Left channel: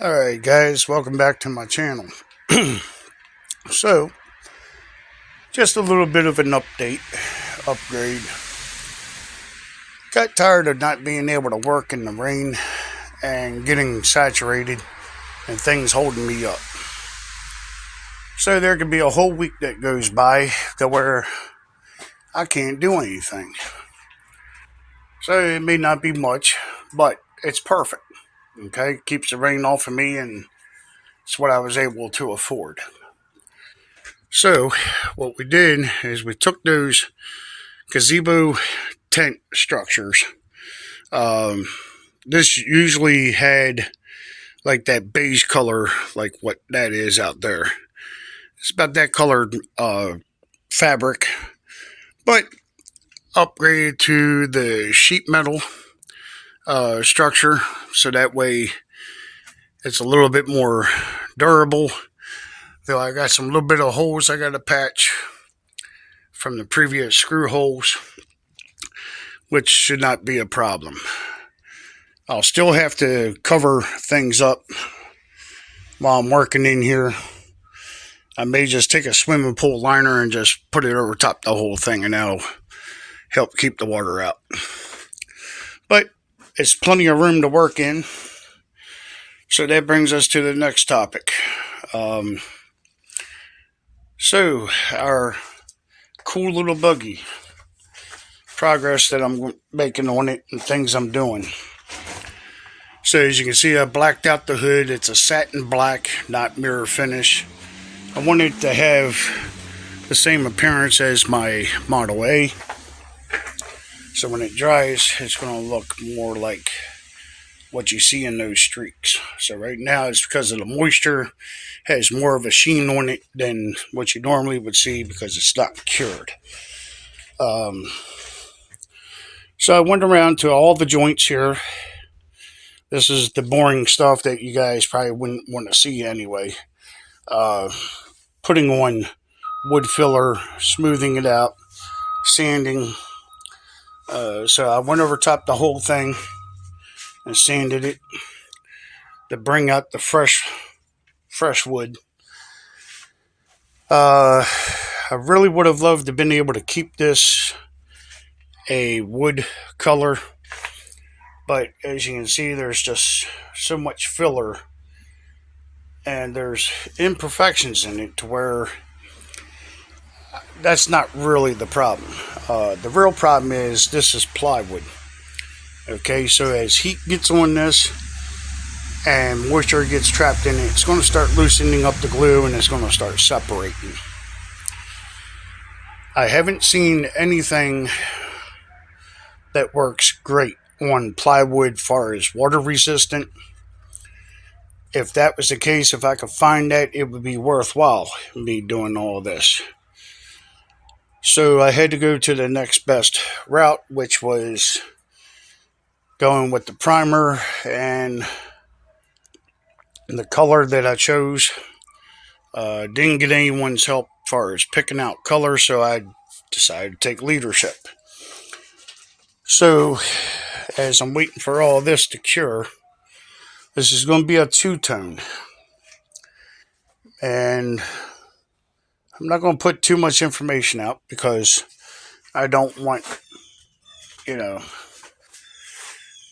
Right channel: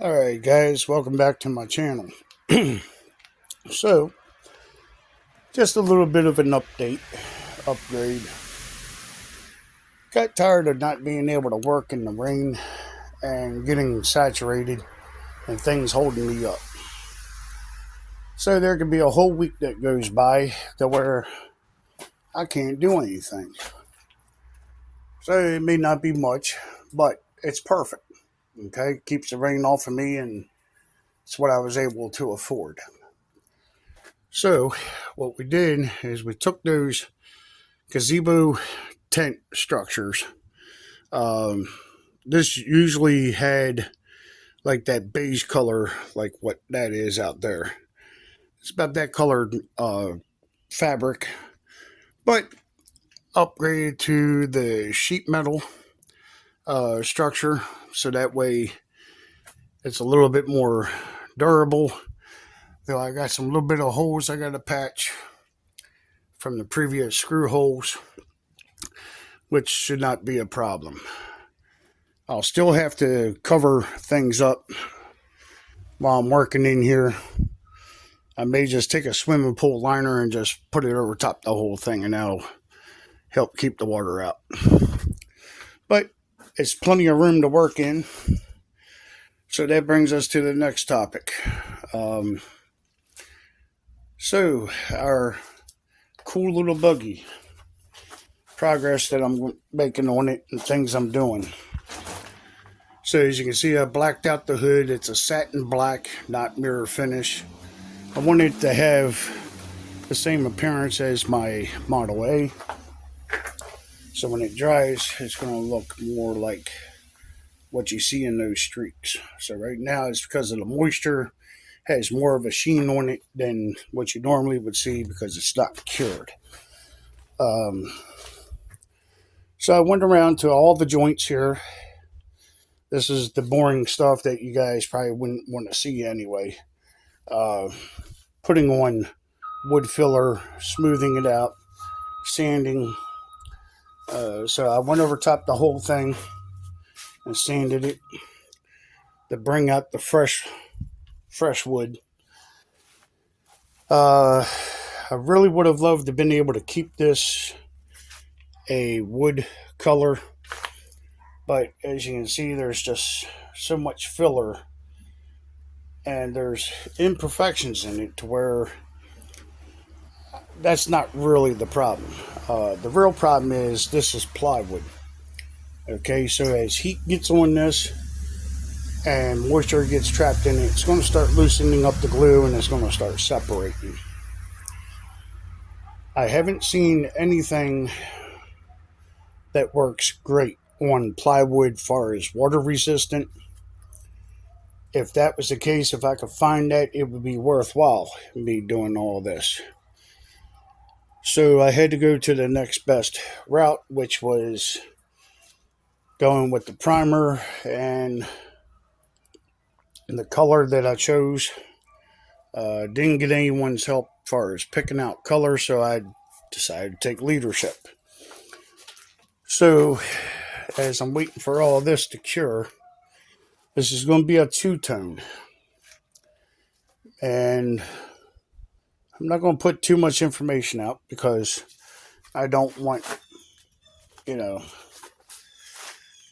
Alright guys, welcome back to my channel. So, just a little bit of an upgrade. Got tired of not being able to work in the rain and getting saturated and things holding me up. So there could be a whole week that goes by to where I can't do anything. So it may not be much, but it's perfect. Okay, keeps the rain off of me and it's what I was able to afford. So, what we did is we took those gazebo tent structures. Um, this usually had like that beige color, like what that is out there. It's about that colored fabric, but upgraded to the sheet metal structure, so that way it's a little bit more durable. Though I got some little bit of holes I got to patch from the previous screw holes, which should not be a problem. I'll still have to cover things up while I'm working in here. I may just take a swimming pool liner and just put it over top the whole thing, and that'll help keep the water out. But it's plenty of room to work in. So that brings us to the next topic. So our cool little buggy, progress that I'm making on it and things I'm doing. So as you can see, I blacked out the hood. It's a satin black, not mirror finish. I want it to have the same appearance as my Model A. So when it dries, it's going to look more like what you see in those streaks. So right now, it's because of the moisture, has more of a sheen on it than what you normally would see because it's not cured. So I went around to all the joints here. This is the boring stuff that you guys probably wouldn't want to see anyway. Putting on wood filler, smoothing it out, sanding. So I went over top the whole thing and sanded it to bring out the fresh wood. I really would have loved to have been able to keep this a wood color, but as you can see, there's just so much filler and there's imperfections in it to where that's not really the problem. The real problem is this is plywood. Okay, so as heat gets on this and moisture gets trapped in it, it's going to start loosening up the glue and it's going to start separating. I haven't seen anything that works great on plywood far as water resistant. If that was the case, if I could find that, it would be worthwhile me doing all this. So I had to go to the next best route, which was going with the primer, and the color that I chose didn't get anyone's help as far as picking out color, so I decided to take leadership. So as I'm waiting for all this to cure, this is going to be a two-tone, and I'm not going to put too much information out because I don't want,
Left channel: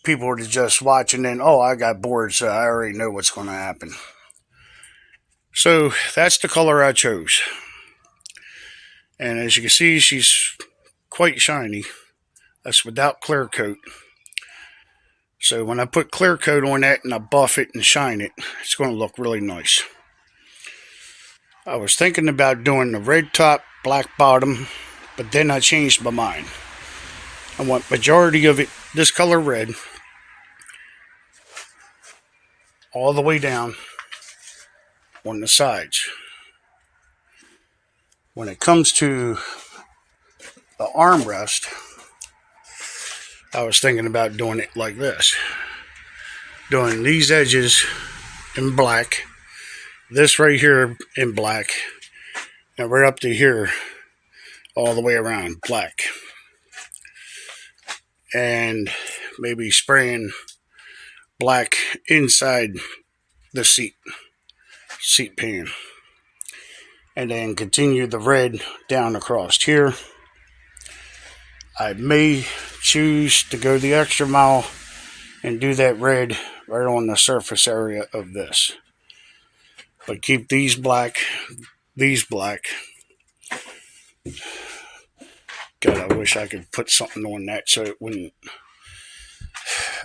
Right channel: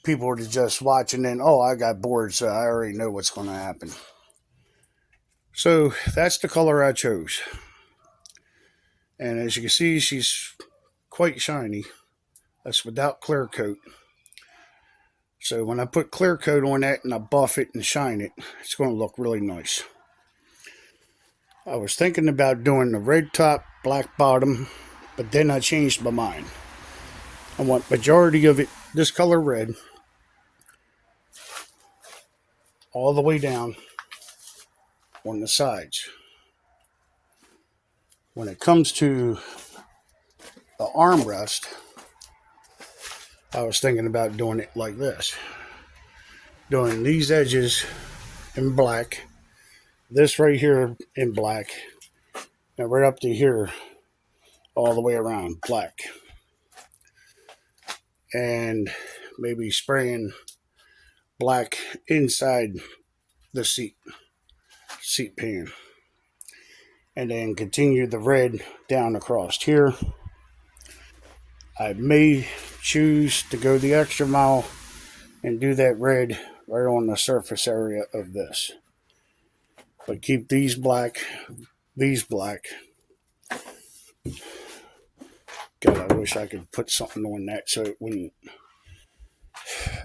people to just watch and then, oh, I got bored, so I already know what's going to happen. So that's the color I chose. And as you can see, she's quite shiny. That's without clear coat. So when I put clear coat on that and I buff it and shine it, it's going to look really nice. I was thinking about doing the red top, black bottom, but then I changed my mind. I want majority of it this color red, all the way down on the sides. When it comes to the armrest, I was thinking about doing it like this. Doing these edges in black, this right here in black, and right up to here, all the way around black. And maybe spraying black inside the seat pan, and then continue the red down across here. I may choose to go the extra mile and do that red right on the surface area of this, but keep these black. God, I wish I could put something on that so it wouldn't.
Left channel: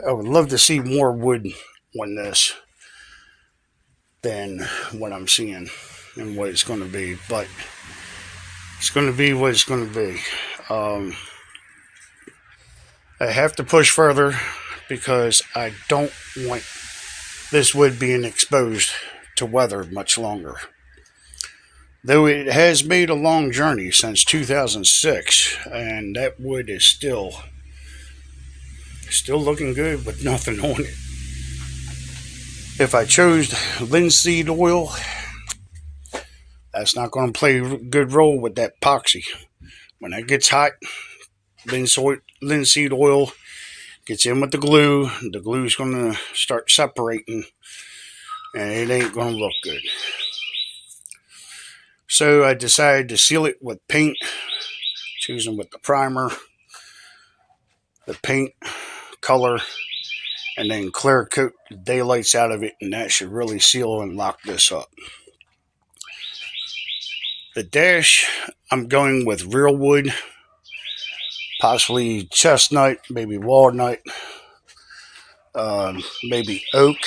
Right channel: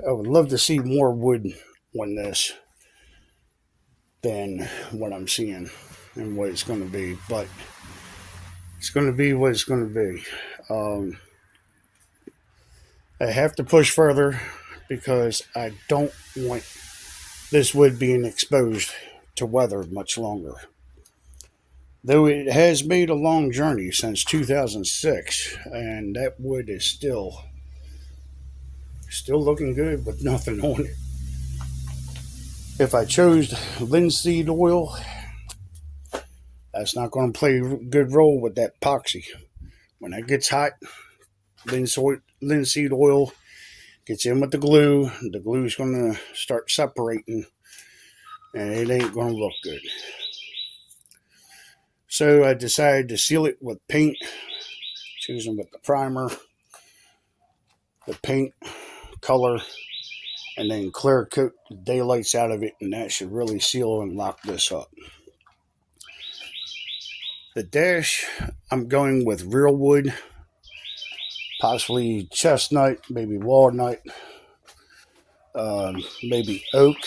I would love to see more wood on this than what I'm seeing and what it's going to be, but it's going to be what it's going to be. I have to push further because I don't want this wood being exposed to weather much longer. Though it has made a long journey since 2006, and that wood is still looking good with nothing on it. If I chose linseed oil, that's not going to play a good role with that epoxy. When that gets hot, linseed oil gets in with the glue's going to start separating, and it ain't going to look good. So I decided to seal it with paint, choosing with the primer, the paint color, and then clear coat the daylights out of it, and that should really seal and lock this up. The dash, I'm going with real wood, possibly chestnut, maybe walnut, maybe oak,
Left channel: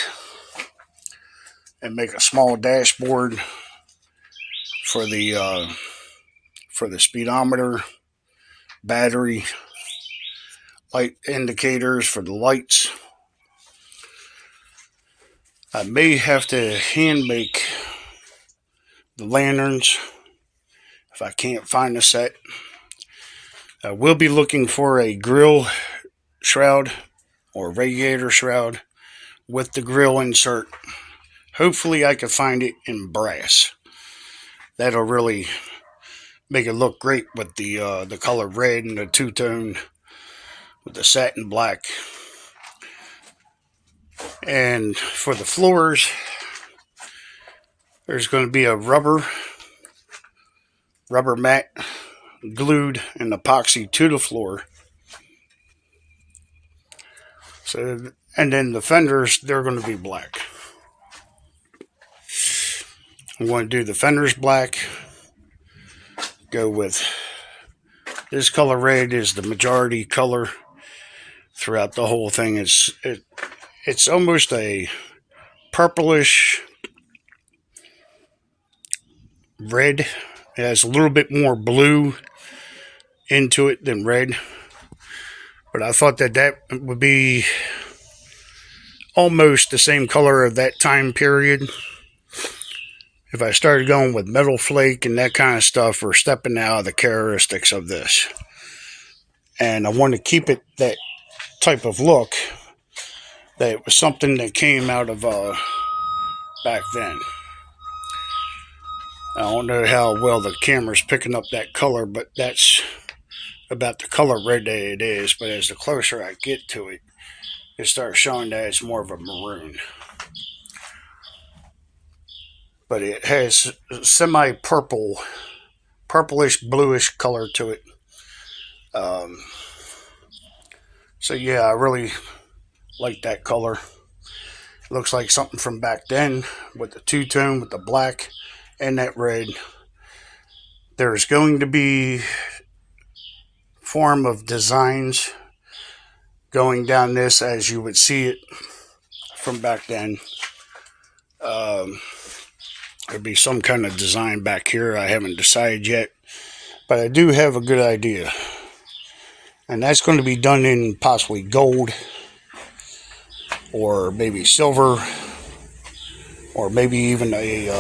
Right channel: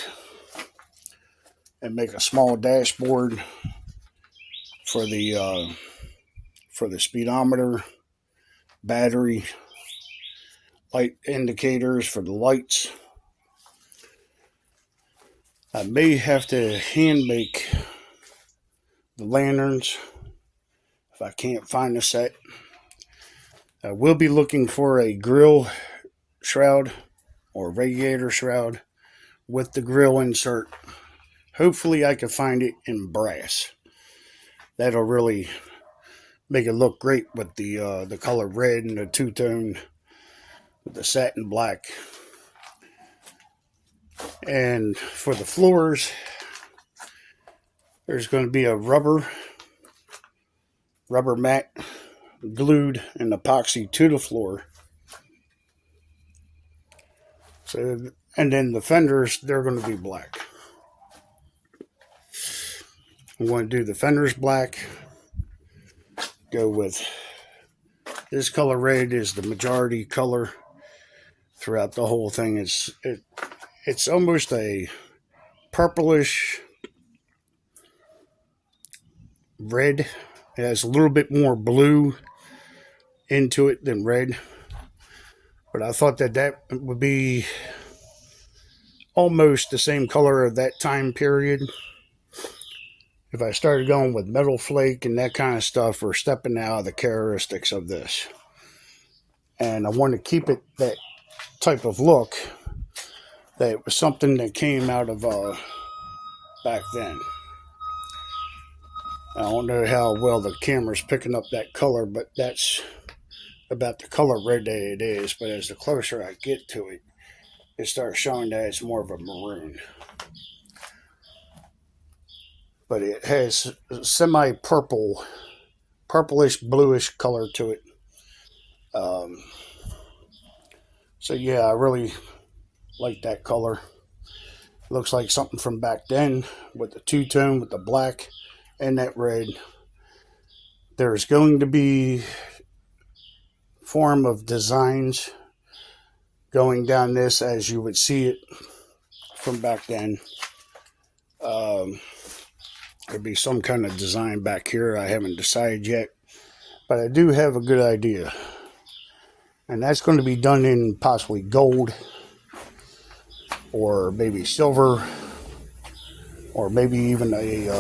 and make a small dashboard for the speedometer, battery, light indicators for the lights. I may have to hand make the lanterns if I can't find a set. I will be looking for a grill shroud or radiator shroud with the grill insert. Hopefully I can find it in brass. That'll really make it look great with the color red and the two-tone with the satin black. And for the floors, there's going to be a rubber mat glued and epoxy to the floor. So, and then the fenders, they're going to be black. I'm going to do the fenders black. Go with this color red is the majority color throughout the whole thing. It's almost a purplish red. It has a little bit more blue into it than red, but I thought that would be almost the same color of that time period. If I started going with metal flake and that kind of stuff, or stepping out of the characteristics of this, and I want to keep it that type of look, that it was something that came out of back then. I don't know how well the camera's picking up that color, but that's about the color red that it is. But as the closer I get to it, it starts showing that it's more of a maroon. But it has semi-purple, purplish, bluish color to it. So yeah, I really like that color. It looks like something from back then with the two-tone, with the black and that red. There's going to be form of designs going down this as you would see it from back then. There'd be some kind of design back here. I haven't decided yet, but I do have a good idea. And that's going to be done in possibly gold, or maybe silver, or maybe even a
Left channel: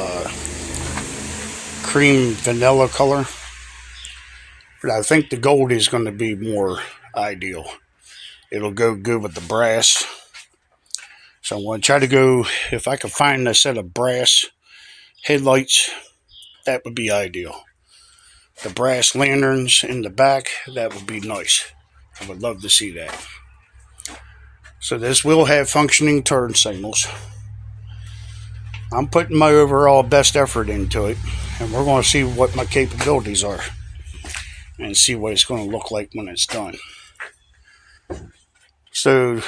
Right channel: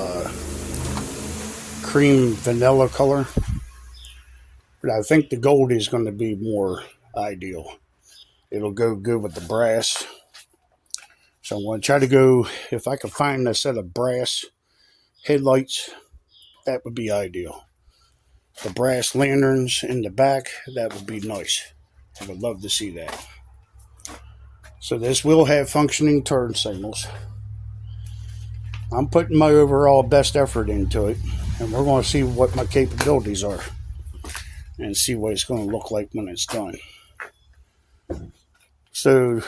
cream vanilla color. But I think the gold is going to be more ideal. It'll go good with the brass. So I'm going to try to go, if I can find a set of brass headlights, that would be ideal. The brass lanterns in the back, that would be nice. I would love to see that. So this will have functioning turn signals. I'm putting my overall best effort into it, and we're going to see what my capabilities are and see what it's going to look like when it's done. So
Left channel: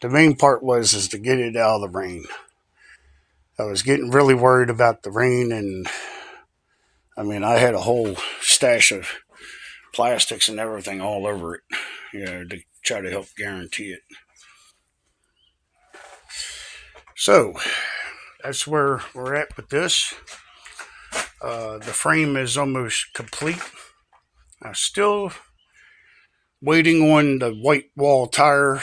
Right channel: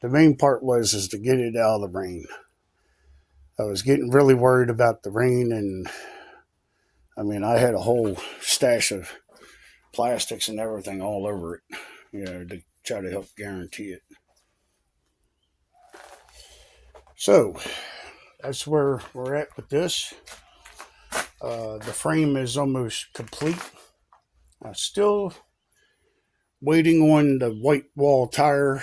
the main part is to get it out of the rain. I was getting really worried about the rain, and I mean, I had a whole stash of plastics and everything all over it, to try to help guarantee it. So that's where we're at with this. The frame is almost complete. I'm still waiting on the white wall tire.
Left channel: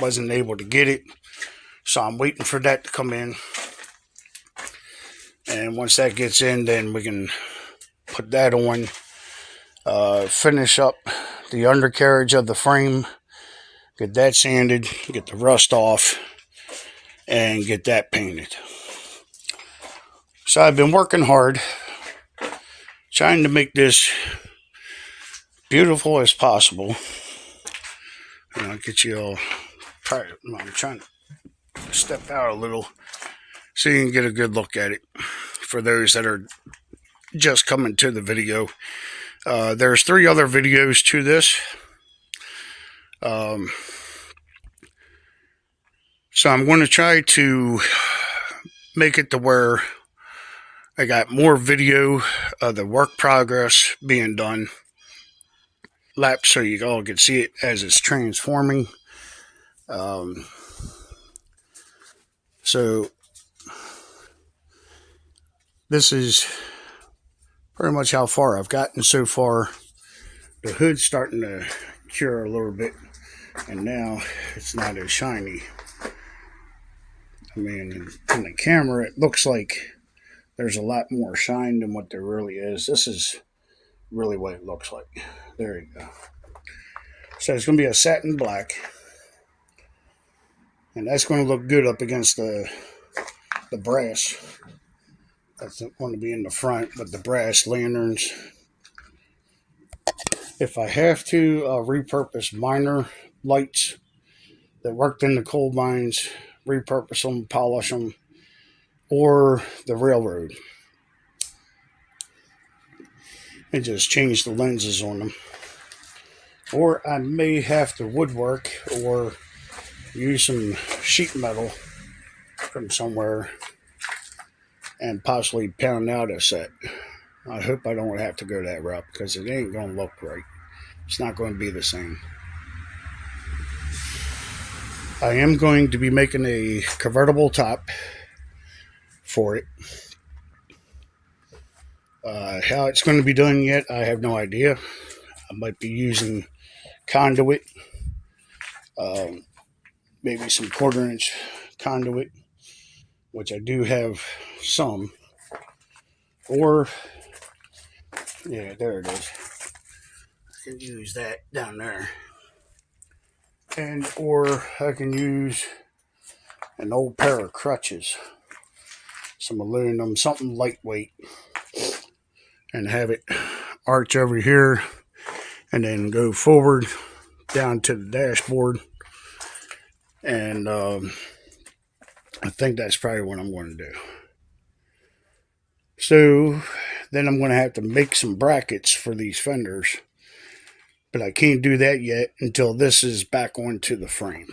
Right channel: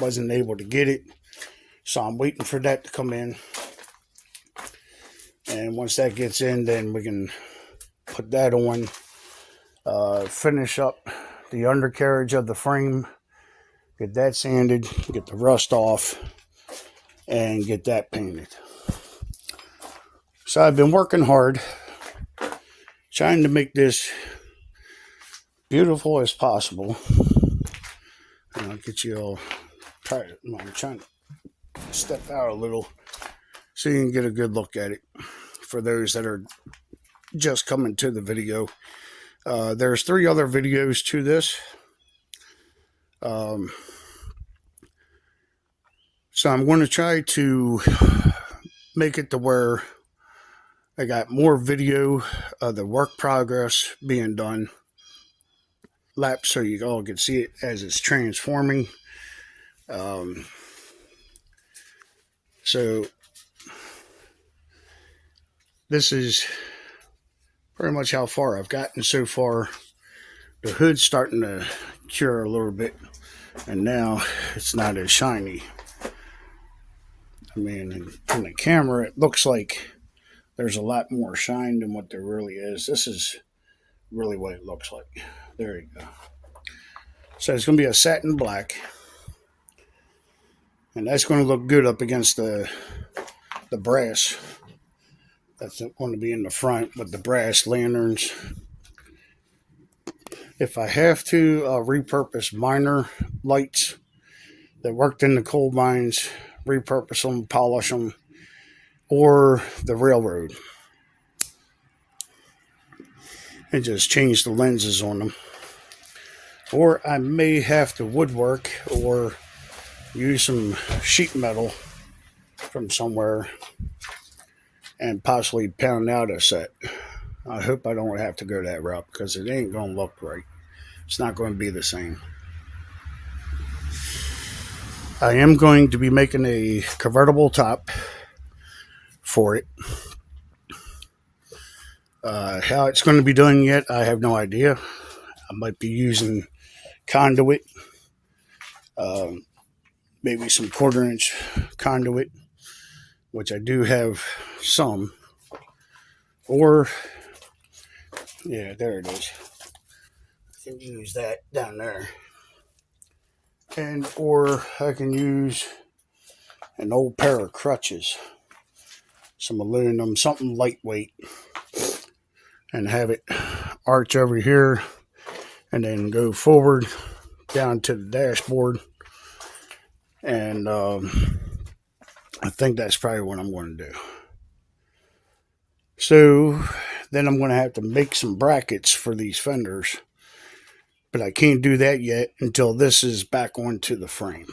Wasn't able to get it, so I'm waiting for that to come in. And once that gets in, then we can put that on. Finish up the undercarriage of the frame, get that sanded, get the rust off, and get that painted. So I've been working hard, trying to make this beautiful as possible. And I'll get you all tired. I'm trying to step out a little so you can get a good look at it. For those that are just coming to the video, there's 3 other videos to this. So I'm going to try to make it to where I got more video of the work progress being done, lapse, so you all can see it as it's transforming. So this is pretty much how far I've gotten so far. The hood's starting to cure a little bit, and now it's not as shiny. I mean, on the camera, it looks like there's a lot more shine than what there really is. This is really what it looks like. There you go. So it's going to be a satin black, and that's going to look good up against the brass. That's going to be in the front with the brass lanterns. If I have to, I'll repurpose minor lights that worked in the coal mines, repurpose them, polish them, or the railroad, and just change the lenses on them. Or I may have to woodwork or use some sheet metal from somewhere and possibly pound out a set. I hope I don't have to go that route because it ain't going to look right. It's not going to be the same. I am going to be making a convertible top for it. How it's going to be done yet, I have no idea. I might be using conduit, maybe some 1/4-inch conduit, which I do have some. Or, yeah, there it is. I can use that down there. Or I can use an old pair of crutches, some aluminum, something lightweight, and have it arch over here and then go forward down to the dashboard. And I think that's probably what I'm going to do. So then I'm going to have to make some brackets for these fenders, but I can't do that yet until this is back onto the frame.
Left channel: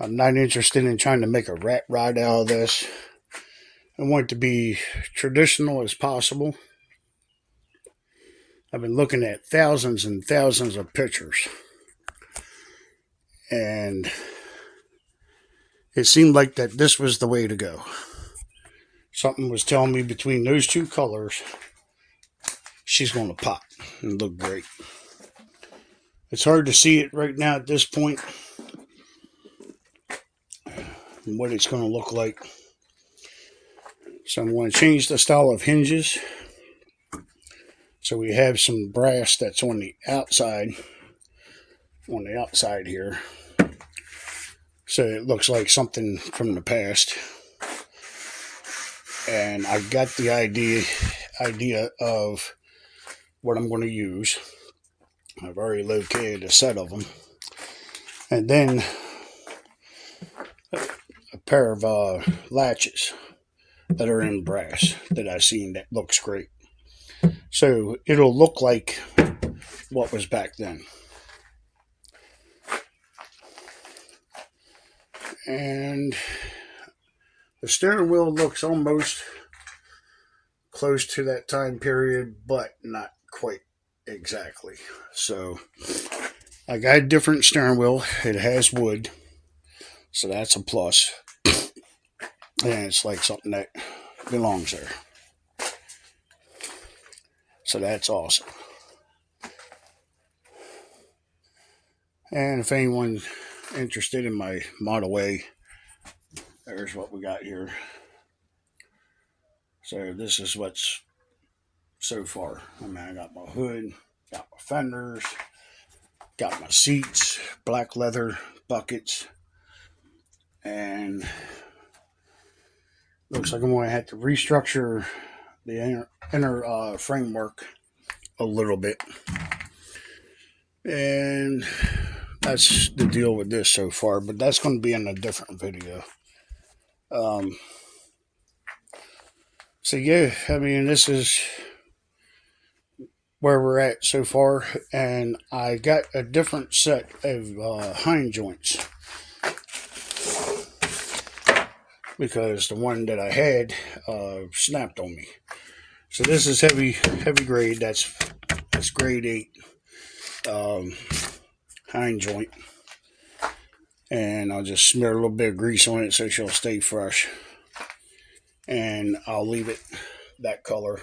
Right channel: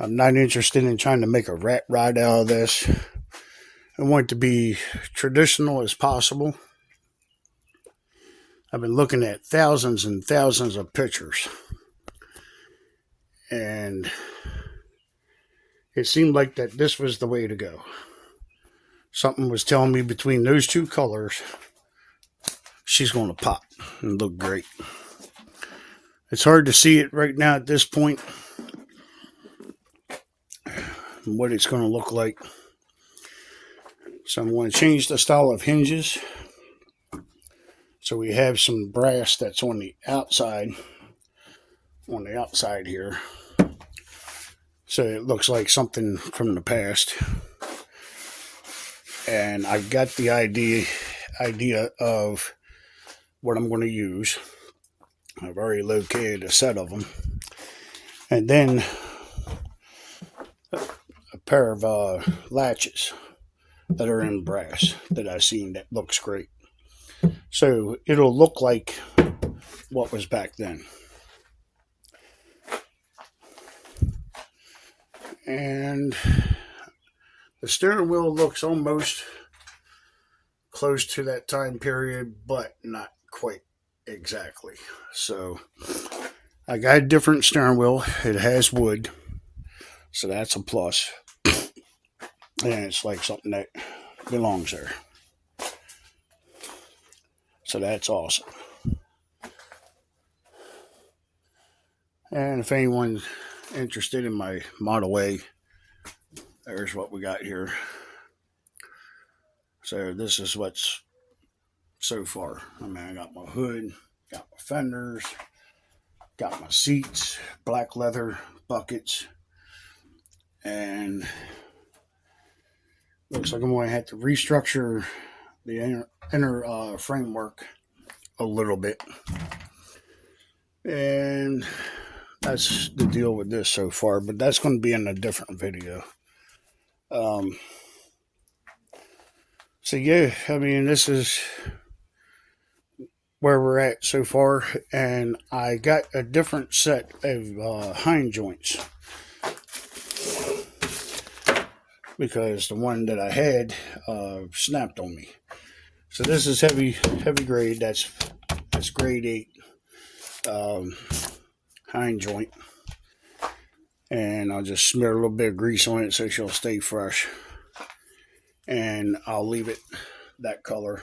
I'm not interested in trying to make a rat rod out of this. I want it to be traditional as possible. I've been looking at thousands and thousands of pictures, and it seemed like that this was the way to go. Something was telling me between those 2 colors, she's going to pop and look great. It's hard to see it right now at this point, what it's going to look like. So I'm going to change the style of hinges. So we have some brass that's on the outside here. So it looks like something from the past. And I got the idea of what I'm going to use. I've already located a set of them. And then pair of latches that are in brass that I seen that looks great. So it'll look like what was back then. And the steering wheel looks almost close to that time period, but not quite exactly. So I got a different steering wheel. It has wood, so that's a plus. And it's like something that belongs there. So that's awesome. And if anyone's interested in my Model A, there's what we got here. So this is what's so far. I mean, I got my hood, got my fenders, got my seats, black leather buckets, and looks like I'm going to have to restructure the inner framework a little bit. And that's the deal with this so far, but that's going to be in a different video. So yeah, I mean, this is where we're at so far, and I got a different set of hind joints because the one that I had snapped on me. So this is heavy grade. That's grade 8 hind joint, and I'll just smear a little bit of grease on it so she'll stay fresh, and I'll leave it that color.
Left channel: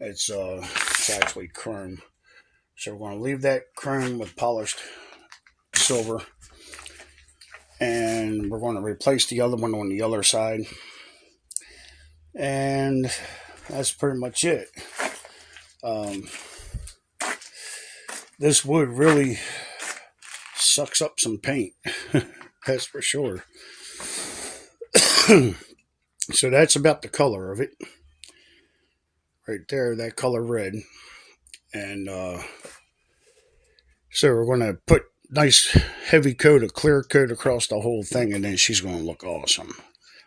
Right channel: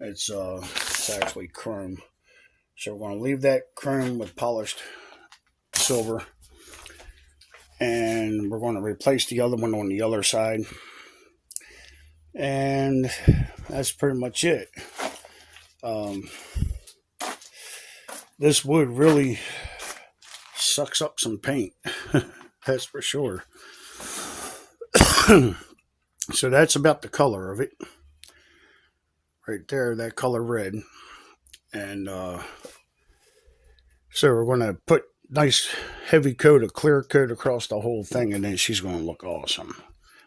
It's actually chrome, so we're going to leave that chrome with polished silver, and we're going to replace the other one on the other side, and that's pretty much it. This wood really sucks up some paint, that's for sure. So that's about the color of it right there, that color red. And so we're going to put nice heavy coat, a clear coat across the whole thing, and then she's going to look awesome.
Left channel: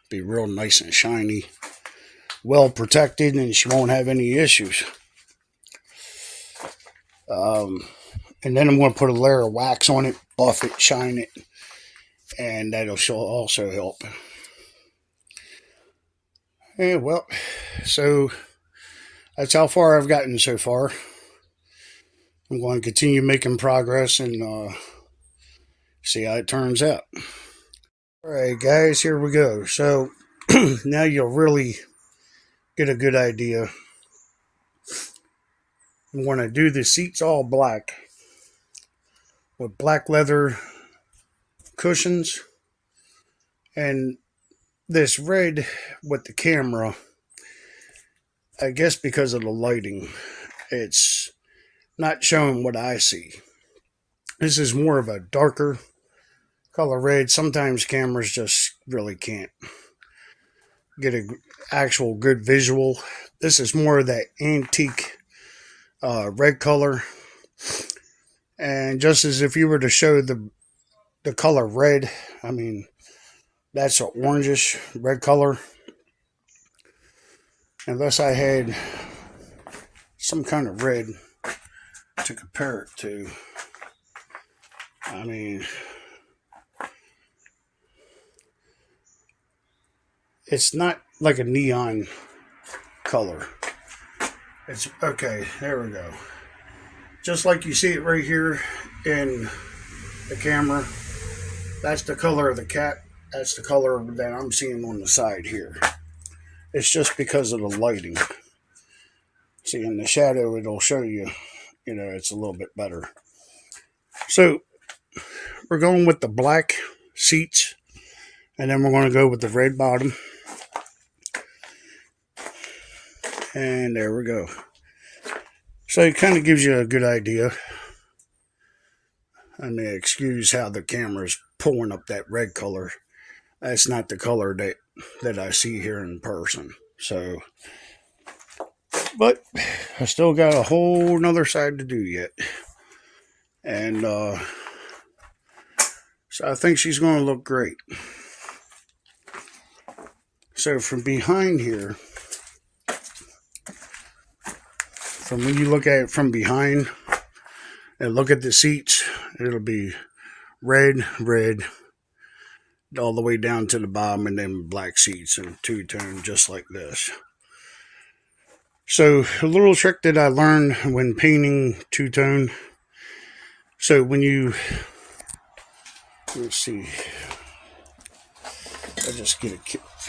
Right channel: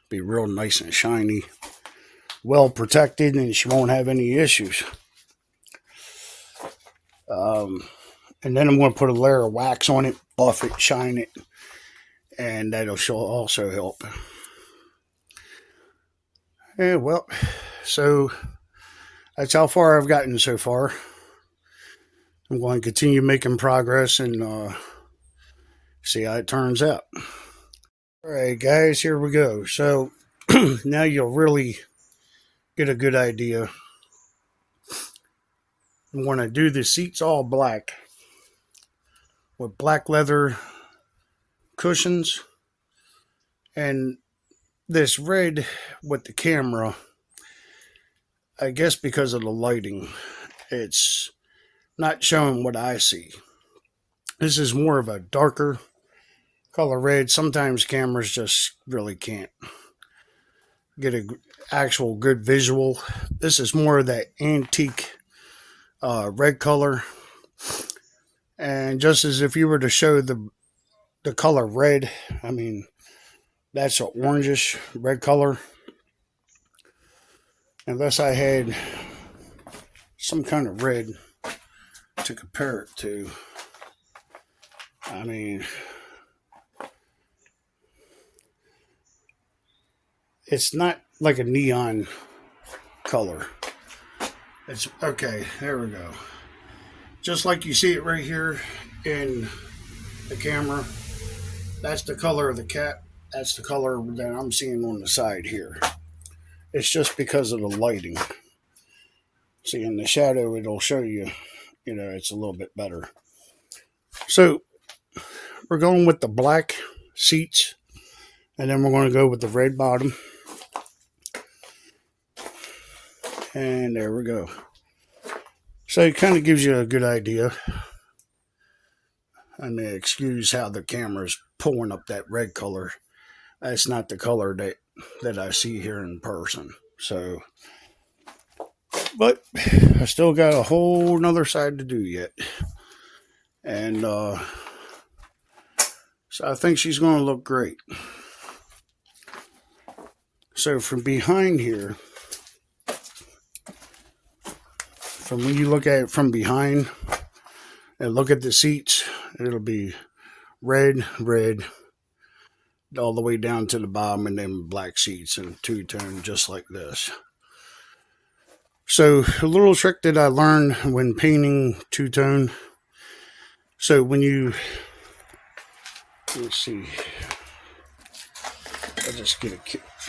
Be real nice and shiny, well protected, and she won't have any issues. And then I'm going to put a layer of wax on it, buff it, shine it, and that'll also help. And well, so that's how far I've gotten so far. I'm going to continue making progress and see how it turns out. Alright guys, here we go. So now you'll really get a good idea. I'm going to do the seats all black with black leather cushions, and this red with the camera, I guess because of the lighting, it's not showing what I see. This is more of a darker color red. Sometimes cameras just really can't get an actual good visual. This is more of that antique red color. And just as if you were to show the color red, I mean, that's an orangish red color. Unless I had some kind of red to compare it to. I mean, it's not like a neon color. It's okay, there we go. Just like you see it right here in the camera, that's the color of the cat. That's the color that I'm seeing on the side here. It's just because of the lighting. See, in the shadow, it'll show you, it's a little bit better. So, we're going with the black seats, and then we're going to go with the red bottom. And there we go. So it kind of gives you a good idea. I mean, excuse how the camera's pulling up that red color. That's not the color that I see here in person. So, but I still got a whole nother side to do yet. And so I think she's going to look great. So from behind here, from when you look at it from behind and look at the seats, it'll be red, red, all the way down to the bottom, and then black seats and two-tone just like this. So a little trick that I learned when painting two-tone. So when you, let's see, I'll just get an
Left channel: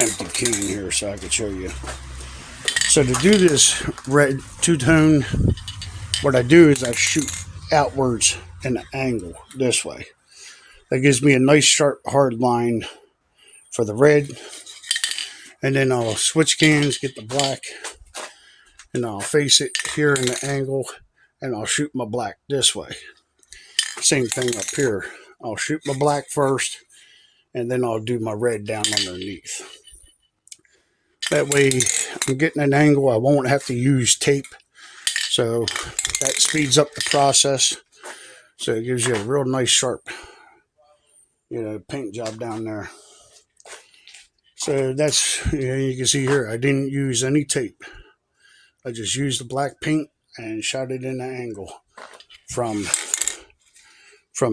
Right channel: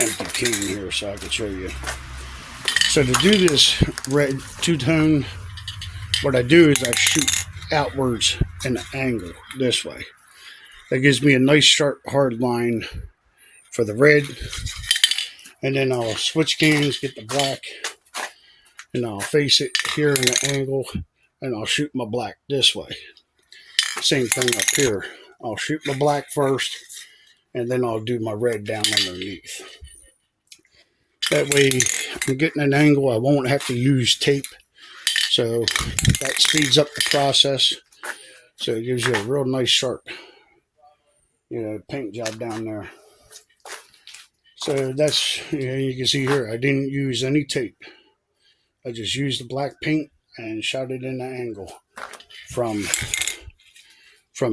empty can here so I can show you. So to do this red two-tone, what I do is I shoot outwards in an angle this way. That gives me a nice sharp hard line for the red. And then I'll switch cans, get the black, and I'll face it here in an angle, and I'll shoot my black this way. Same thing up here. I'll shoot my black first, and then I'll do my red down underneath. That way I'm getting an angle. I won't have to use tape. So that speeds up the process. So it gives you a real nice sharp, paint job down there. So that's, you can see here, I didn't use any tape. I just used the black paint and shot it in an angle from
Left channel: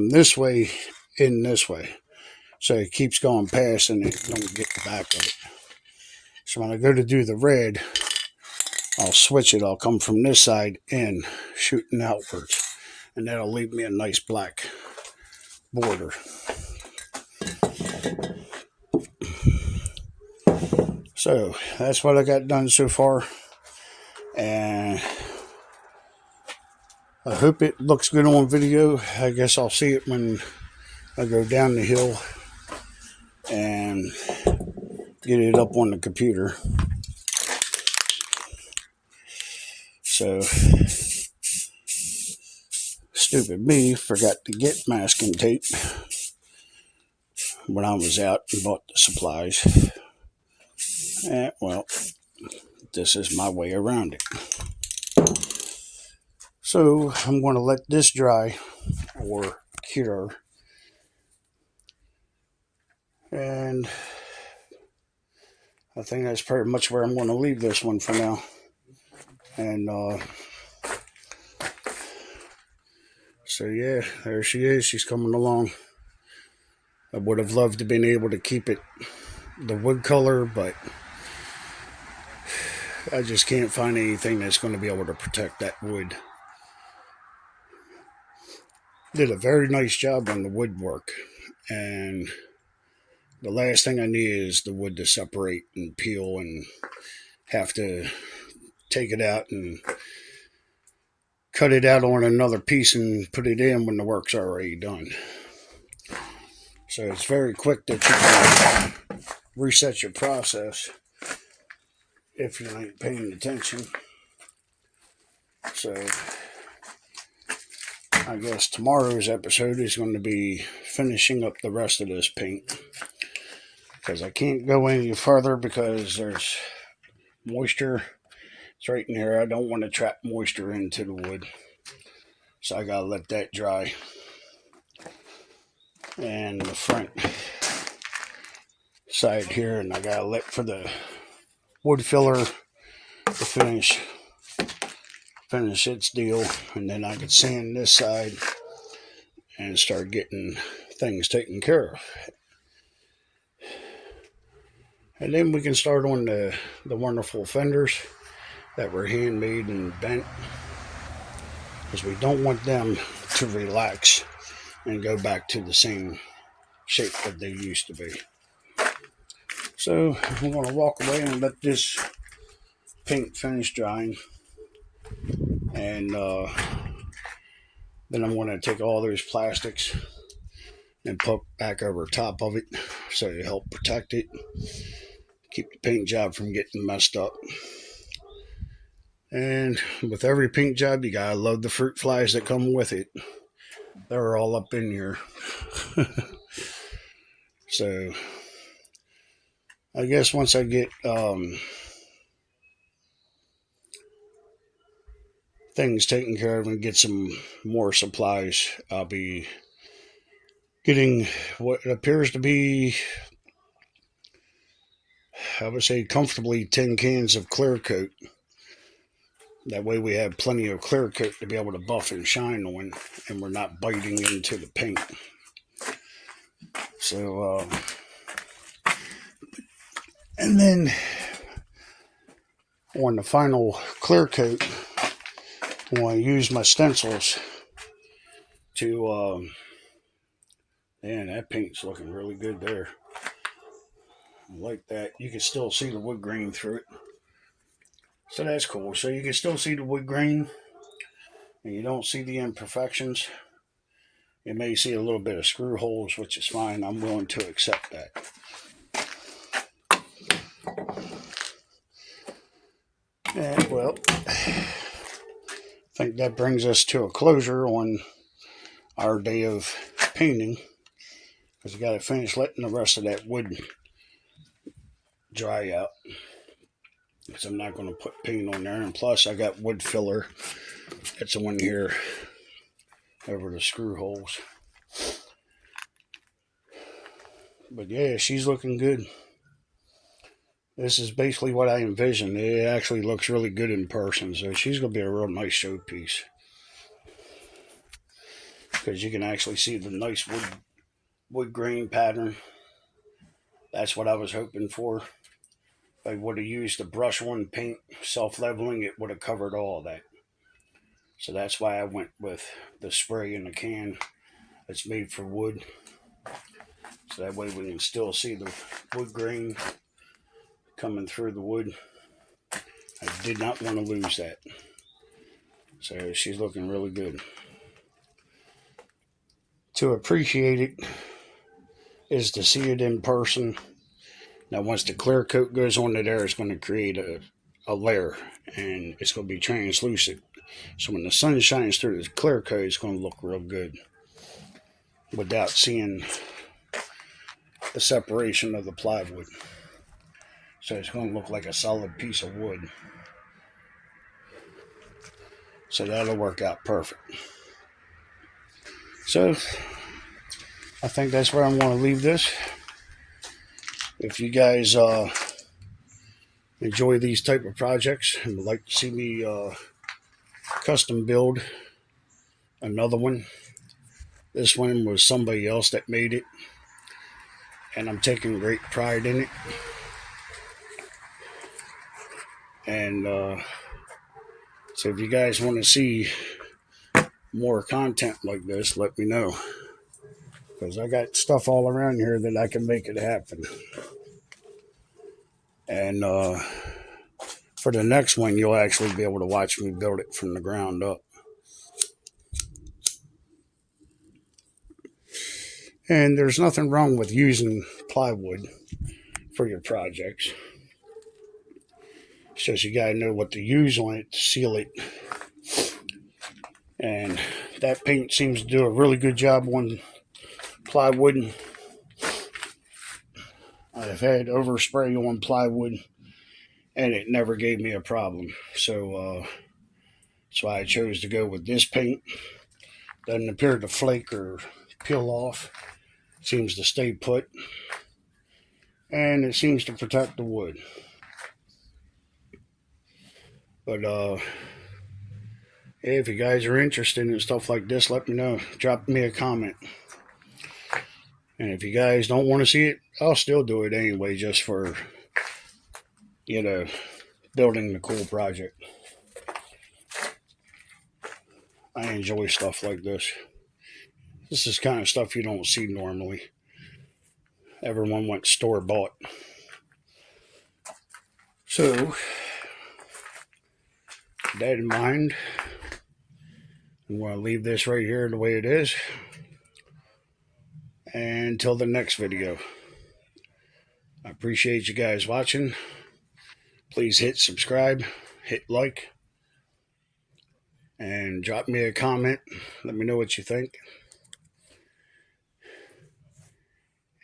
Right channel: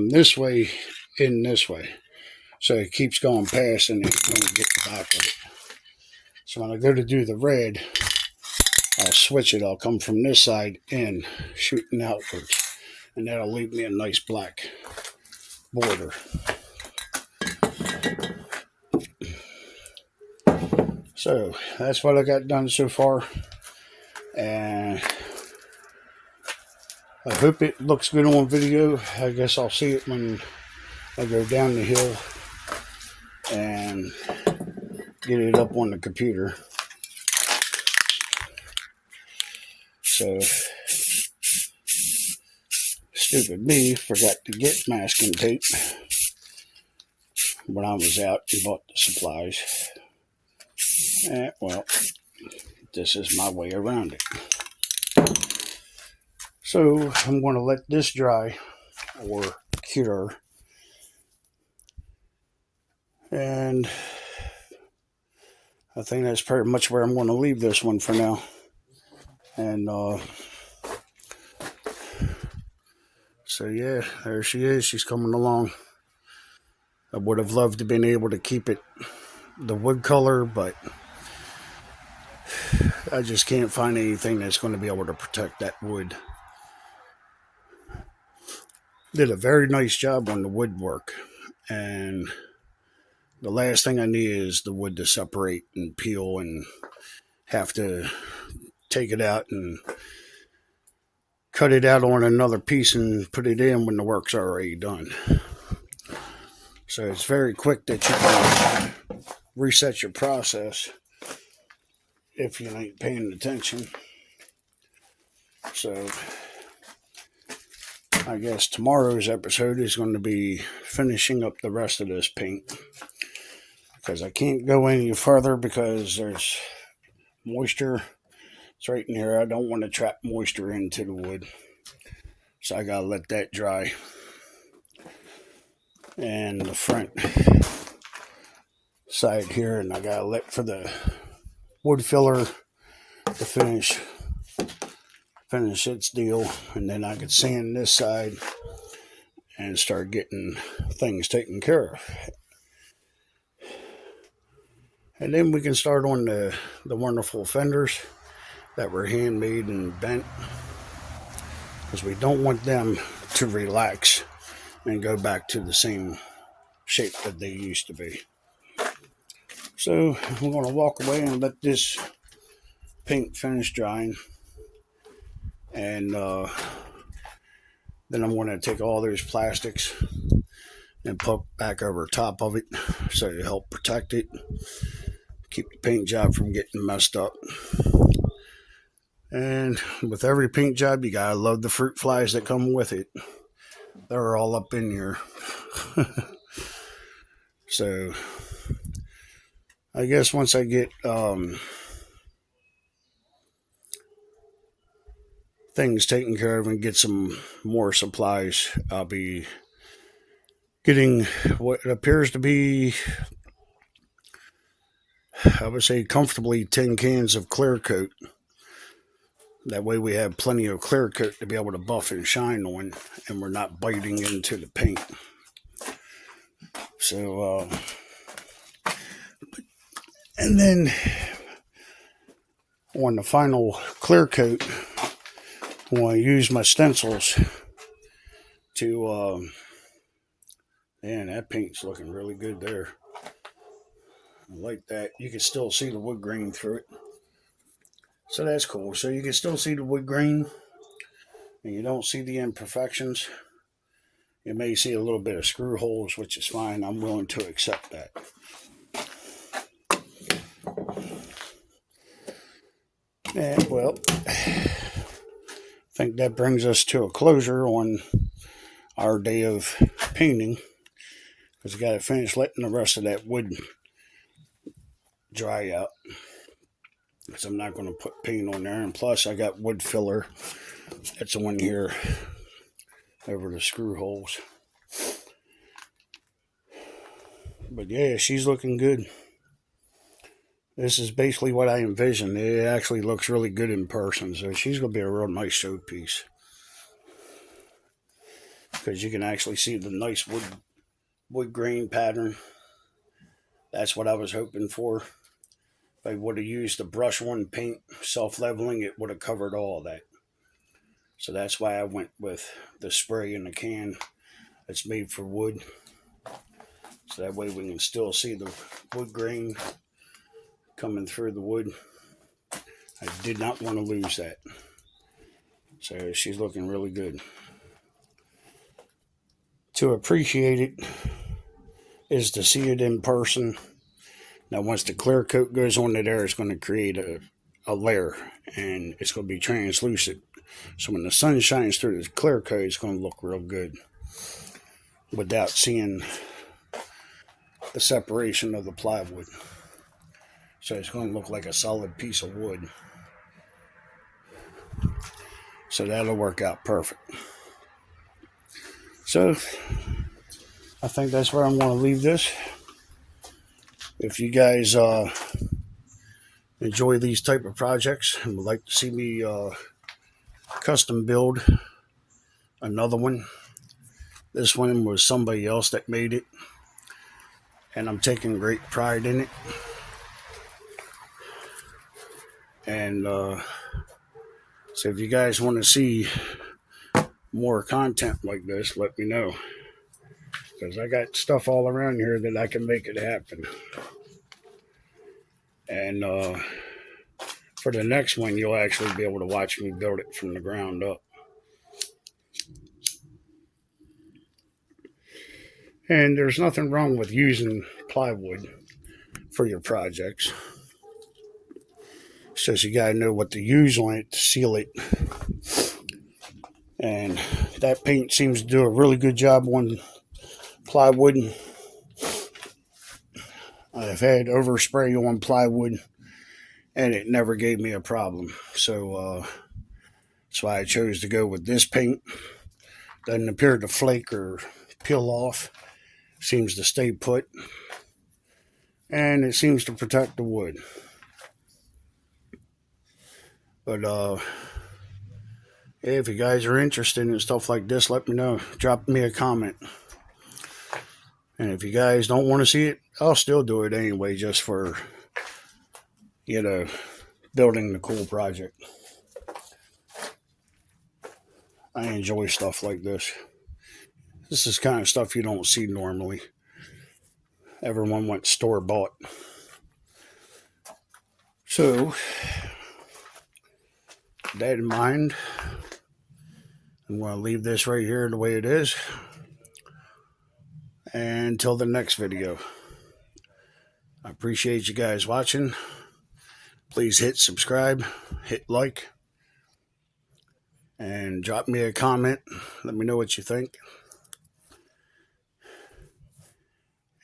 this way in this way. So it keeps going past and it's going to get the back of it. So when I go to do the red, I'll switch it. I'll come from this side in, shooting outwards. And that'll leave me a nice black border. So that's what I got done so far. And I hope it looks good on video. I guess I'll see it when I go down the hill and get it up on the computer. So, stupid me forgot to get masking tape when I was out and bought the supplies. Well, this is my way around it. So, I'm going to let this dry or cure. And I think that's pretty much where I'm going to leave this one for now. And so yeah, there she is. She's coming along. I would have loved to have been able to keep it the wood color, but I just can't find anything that's going to be able to protect that wood. Did a very nice job on the woodwork, and the last thing I need is the wood to separate and peel and have to take it out and cut it out on another piece and put it in when the work's already done. So it's very quick that you can reset your process if you ain't paying attention. So I guess tomorrow's episode is going to be finishing up the rest of this paint, because I can't go any further because there's moisture. It's right in here. I don't want to trap moisture into the wood, so I gotta let that dry. And the front side here, and I gotta look for the wood filler to finish its deal, and then I can sand this side and start getting things taken care of. And then we can start on the wonderful fenders that were handmade and bent, because we don't want them to relax and go back to the same shape that they used to be. So we're going to walk away and let this paint finish drying, and then I'm going to take all those plastics and put back over top of it so to help protect it, keep the paint job from getting messed up. And with every paint job, you gotta love the fruit flies that come with it. They're all up in here. So I guess once I get things taken care of and get some more supplies, I'll be getting what appears to be I would say comfortably 10 cans of clear coat. That way we have plenty of clear coat to be able to buff and shine on, and we're not biting into the paint. So, and then on the final clear coat, I want to use my stencils to, man, that paint's looking really good there. I like that. You can still see the wood grain through it. So that's cool. So you can still see the wood grain, and you don't see the imperfections. You may see a little bit of screw holes, which is fine. I'm willing to accept that. And, well, I think that brings us to a closure on our day of painting, because we got to finish letting the rest of that wood dry out, because I'm not going to put paint on there. And plus I got wood filler that's on here over the screw holes. But yeah, she's looking good. This is basically what I envisioned. It actually looks really good in person, so she's going to be a real nice showpiece, because you can actually see the nice wood grain pattern. That's what I was hoping for. If I would have used the brush on paint, self-leveling, it would have covered all of that. So that's why I went with the spray in the can that's made for wood. So that way we can still see the wood grain coming through the wood. I did not want to lose that. So she's looking really good. To appreciate it is to see it in person. Now once the clear coat goes on there, it's going to create a layer, and it's going to be translucent. So when the sun shines through the clear coat, it's going to look real good without seeing the separation of the plywood. So it's going to look like a solid piece of wood. So that'll work out perfect. So I think that's where I'm going to leave this. If you guys enjoy these type of projects and would like to see me custom build another one, this one was somebody else that made it, and I'm taking great pride in it. And so if you guys want to see more content like this, let me know, because I got stuff all around here that I can make it happen. And for the next one, you'll actually be able to watch me build it from the ground up. And there's nothing wrong with using plywood for your projects. It's just you gotta know what to use on it to seal it. And that paint seems to do a really good job on plywood. I've had overspray on plywood, and it never gave me a problem. So that's why I chose to go with this paint. Doesn't appear to flake or peel off. Seems to stay put, and it seems to protect the wood. But if you guys are interested in stuff like this, let me know. Drop me a comment. And if you guys don't want to see it, I'll still do it anyway, just for, building the cool project. I enjoy stuff like this. This is kind of stuff you don't see normally. Everyone wants store-bought. So, with that in mind, I'm going to leave this right here the way it is. And until the next video, I appreciate you guys watching. Please hit subscribe, hit like, and drop me a comment. Let me know what you think.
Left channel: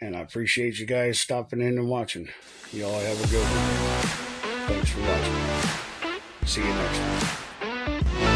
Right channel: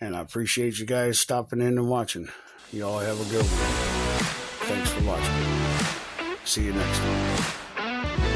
And I appreciate you guys stopping in and watching. Y'all have a good one. Thanks for watching. See you next time.